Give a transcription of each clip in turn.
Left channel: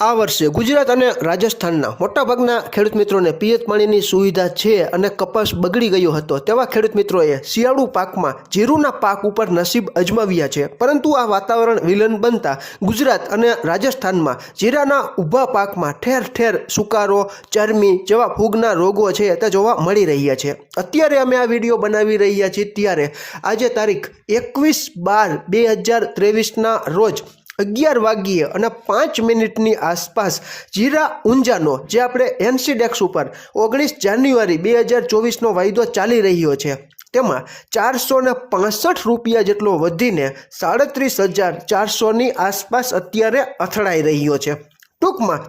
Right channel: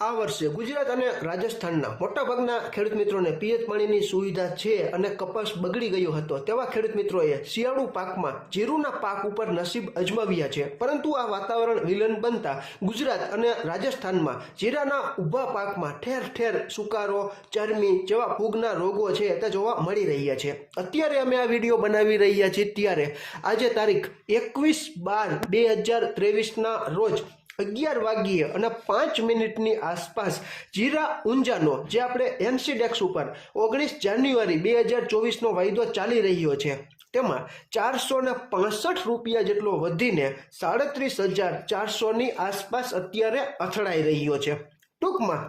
આ વર્ષે ગુજરાત અને રાજસ્થાનના મોટાભાગના ખેડૂત મિત્રોને પિયત પાણીની સુવિધા છે અને કપાસ બગડી ગયો હતો. તેવા ખેડૂત મિત્રોએ શિયાળુ પાકમાં જીરુના પાક ઉપર નસીબ અજમાવ્યા છે. પરંતુ આ વાતાવરણ વિલન બનતા ગુજરાત અને રાજસ્થાનમાં જીરાના ઊભા પાકમાં ઠેર ઠેર સુકારો, ચરમી જેવા ફૂગના રોગો છે તે જોવા મળી રહ્યા છે. અત્યારે અમે આ વીડિયો બનાવી રહ્યા છીએ ત્યારે આજે તારીખ એકવીસ બાર બે હજાર ત્રેવીસના રોજ અગિયાર વાગ્યે અને પાંચ મિનિટની આસપાસ જીરા ઊંઝાનો, જે આપણે એનસીડેક્સ ઉપર ઓગણીસ જાન્યુઆરી બે હજાર ચોવીસનો વાયદો ચાલી રહ્યો છે, તેમાં ચારસો ને પાસઠ રૂપિયા જેટલો વધીને સાડત્રીસ હજાર ચારસોની આસપાસ અત્યારે અથડાઈ રહ્યો છે. ટૂંકમાં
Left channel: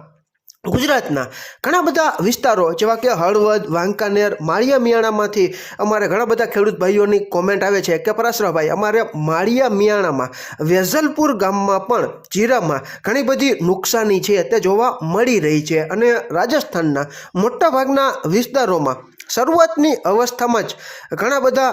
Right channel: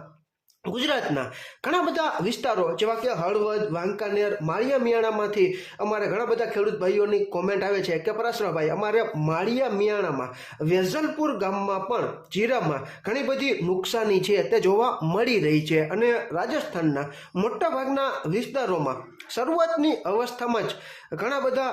ગુજરાતના ઘણા બધા વિસ્તારો, જેવા કે હળવદ, વાંકાનેર માળિયા મિયાણામાંથી અમારે ઘણા બધા ખેડૂત ભાઈઓની કોમેન્ટ આવે છે કે, પરાશરાભાઈ, અમારે માળિયા મિયાણામાં વેઝલપુર ગામમાં પણ જીરામાં ઘણી બધી નુકસાની છે, તે જોવા મળી રહી છે. અને રાજસ્થાનના મોટાભાગના વિસ્તારોમાં શરૂઆતની અવસ્થામાં જ ઘણા બધા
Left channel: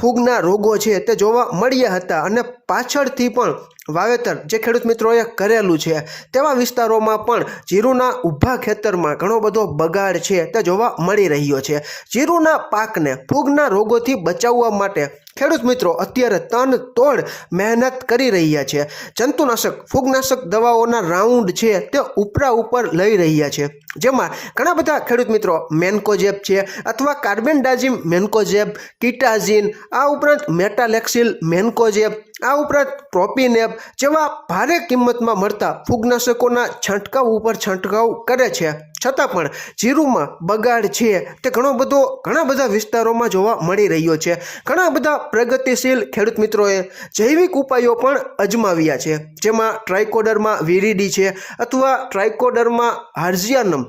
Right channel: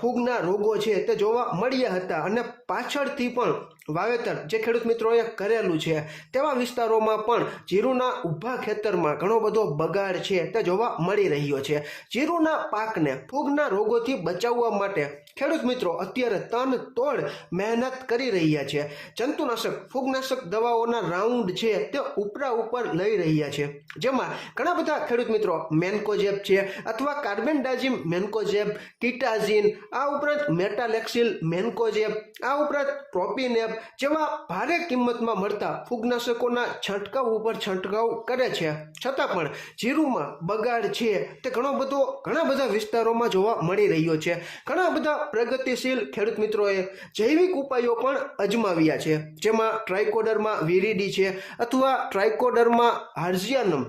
ફૂગના રોગો છે તે જોવા મળ્યા હતા અને પાછળથી પણ વાવેતર જે ખેડૂત મિત્રોએ કરેલું છે તેવા વિસ્તારોમાં પણ જીરુના ઊભા ખેતરમાં ઘણો બધો બગાડ છે તે જોવા મળી રહ્યો છે. જીરુના પાકને ફૂગના રોગોથી બચાવવા માટે ખેડૂત મિત્રો, અત્યારે તન તોડ મહેનત કરી રહ્યા છે. જંતુનાશક, ફૂગનાશક દવાઓના રાઉન્ડ છે તે ઉપરા ઉપર લઈ રહ્યા છે. જેમાં ઘણા બધા ખેડૂત મિત્રો મેન્કોજેબ છે અથવા કાર્બેન્ડાઝિમ મેન્કોજેબ, કિટાઝિન, આ ઉપરાંત મેટાલેક્સિલ મેન્કોજેબ આ ઉપરાંત પ્રોપીનેબ જેવા ભારે કિંમતમાં મળતા ફૂગનાશકોના છંટકાવ ઉપર છંટકાવ કરે છે. છતાં પણ જીરુમાં બગાડ છે તે ઘણો બધો ઘણા બધા વિસ્તારોમાં જોવા મળી રહ્યો છે. ઘણા બધા પ્રગતિશીલ ખેડૂત મિત્રોએ જૈવિક ઉપાયો પણ અજમાવ્યા છે. જેમાં ટ્રાઇકોડરમાં વીરીડી છે અથવા ટ્રાઇકોડરમાં હાર્ઝિયાનમ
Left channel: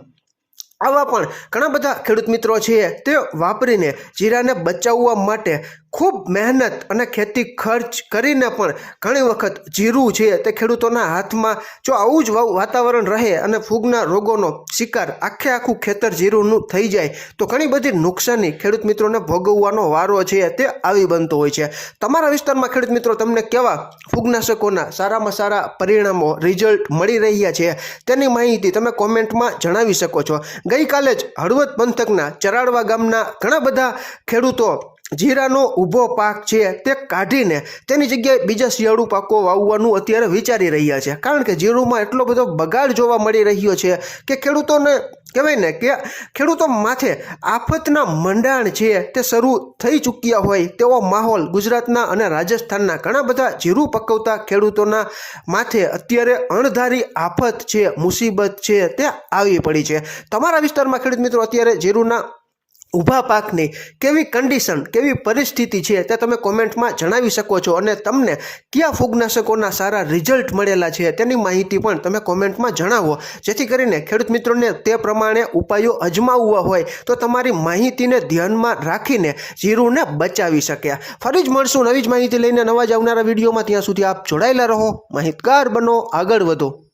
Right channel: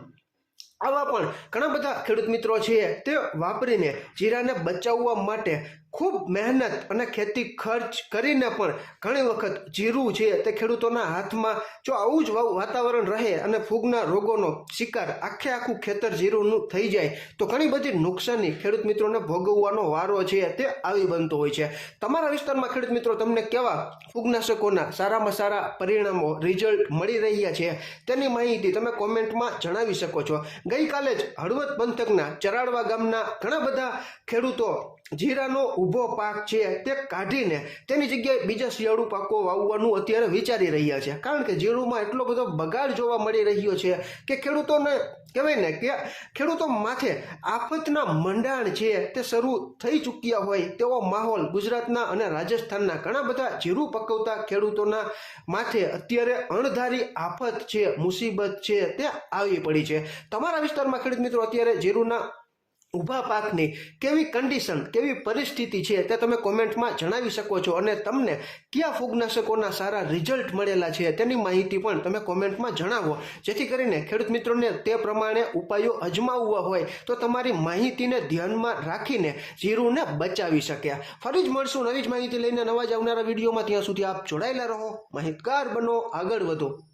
આવા પણ ઘણા બધા ખેડૂત મિત્રો છે તે વાપરીને જીરાને બચાવવા માટે ખૂબ મહેનત અને ખેતી ખર્ચ કરીને પણ ઘણી વખત જીરું છે તે ખેડૂતોના હાથમાં જો આવું જ વાતાવરણ રહે અને ફૂગના રોગોનો શિકાર આખે આખું ખેતર જીરુંનું થઈ જાય, તો ઘણી બધી નુકસાની ખેડૂત મિત્રોને ભોગવવાનો વારો છે તે આવી બનતો હોય છે. તમારા વિસ્તારમાં ખેડૂત મિત્રો તમને કેવા ફૂગનાશકોના સારામાં સારા પરિણામો રિઝલ્ટ મળી રહ્યા છે તેની માહિતી તમે કોમેન્ટમાં જણાવી શકો છો. ગઈકાલે જ હળવદ પંથકના ચરાડવા ગામના ઘણા બધા ખેડૂતો જીરાનો ઊભો પાક છે તે કાઢીને તેની જગ્યાએ બીજા શિયાળુ પાકો વાવવાનું અત્યારે વિચારી રહ્યા છે. કારણ કે જીરુમાં એટલો બધો બગાડ જોવા મળી રહ્યો છે કે ખેડૂતોને કહેવાય ને કે ખેડૂતો માથે આફતના મંડાણ છે તે શરૂ થઈ ચૂક્યા હોય તેવો માહોલ ગુજરાતના અને રાજસ્થાનના ઘણા બધા જીરું પકવતા ખેડૂતોના માથે અત્યારે અણધારી આફત છે, મુસીબત છે, તે આવી પડી છે. તમારા વિસ્તારમાં ખેડૂત મિત્રો અત્યારે જીરુના ઊભા પાકની કેવી કન્ડિશન કેવી પરિસ્થિતિ છે તે તમે કોમેન્ટમાં જણાવી શકો છો અને તમને કયા ફૂગનાશકોના સારા રિઝલ્ટ મળેલા છે તેની માહિતી પણ તમે કોમેન્ટમાં જણાવો. જેથી કરીને ખેડૂત મિત્રોને તે પ્રમાણે ઉપાયો અજમાવવા હોય તો તમારી માહિતીને ધ્યાનમાં રાખીને જીરુને બચાવી શક્યા ફરી જ મળશું નવી જ માહિતી લઈને નવા જ આવનારા વિડીયોમાં. ત્યાં સુધી આપ જોડાયેલા રહો. માહિતગાર બનો, આગળ વધો.